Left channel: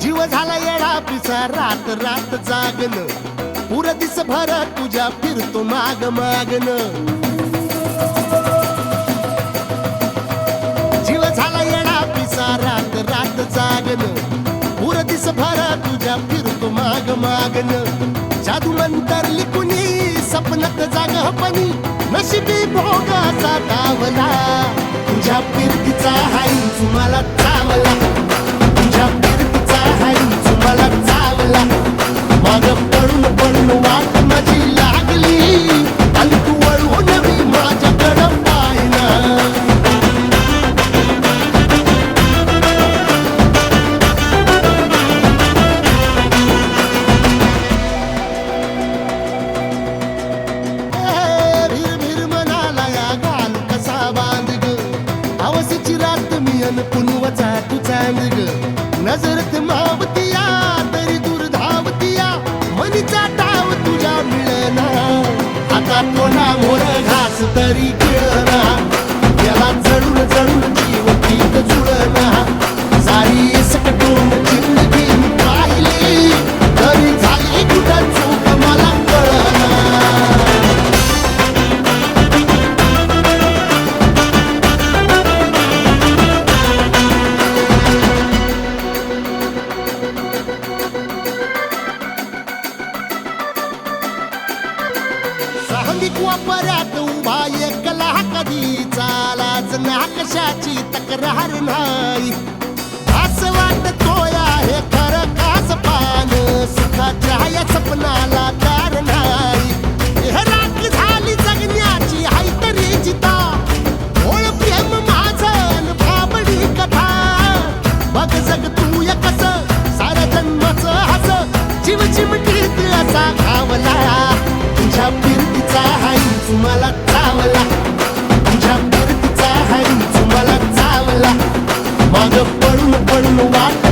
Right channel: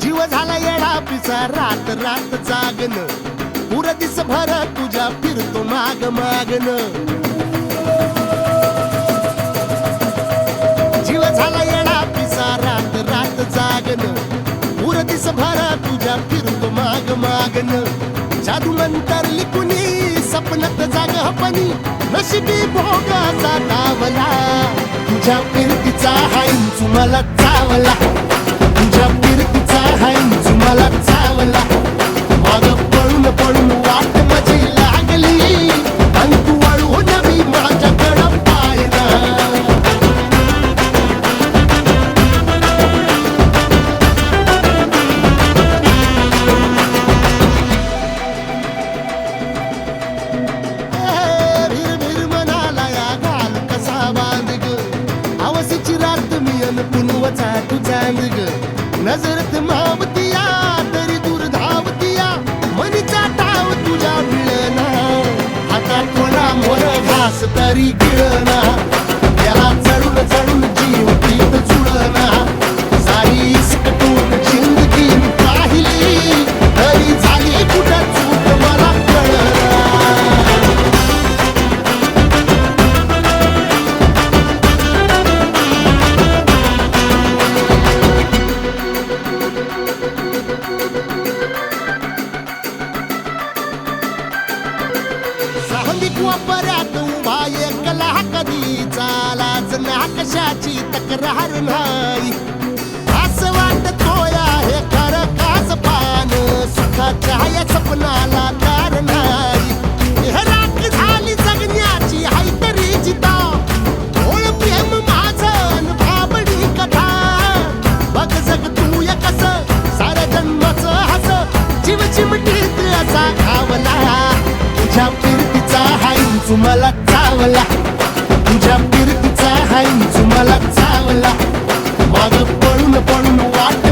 जीव झाला येडा पिसा रात रात जागन पुर दिस भर तुझ्या फिरतो माग मागन जीव झाला येडा पिसा रात रात जागन पुर दिस भर तुझ्या फिरतो माग मागन जादू मंतर लिकुनी सपनत जाग हपनी नशिबी भोगाचा डावला तुझ्या फिरतीचा हाईच मला चावला तुझ्या फिरतीचा हाईच मला चावला माग पळून पळून वाट माझी लागली आणि तू वळून मी माझ्याकडं पाहिना भीर भीर मनाला या घाल कसा बांध ग हवसीची रात मी अन पुनवचा तू चांद ग नजरत मावतिया तरी दूर धावतिया मनीचा टाव तुझ्या मिळना हातात थोडा मोर घास तरी गिळना याला चढून चढून जीव पीत जुळना सारी सकटून जिंदगी पाहिली तरी झाली कुठं चूक मला कळना सांगिक वापऱ्यात उभा एकला कधी चालाच ना कशाची तक्रार नाही असं वाटतोया हे खरं कास पान सुखाच्या या सपनाला तार नाही हे राख झाली जगण्याची हाय तरी जिता ओळ प्रेम माझं भाबडी कथा बघ जग तू या कस साऱ्या जन्माचं हस जीव चिमटीत असा खावला तुझ्या फिरतीचा हाईच मला चावला तुझ्या फिरतीचा हाईच मला चावला माग पळून पळून वाट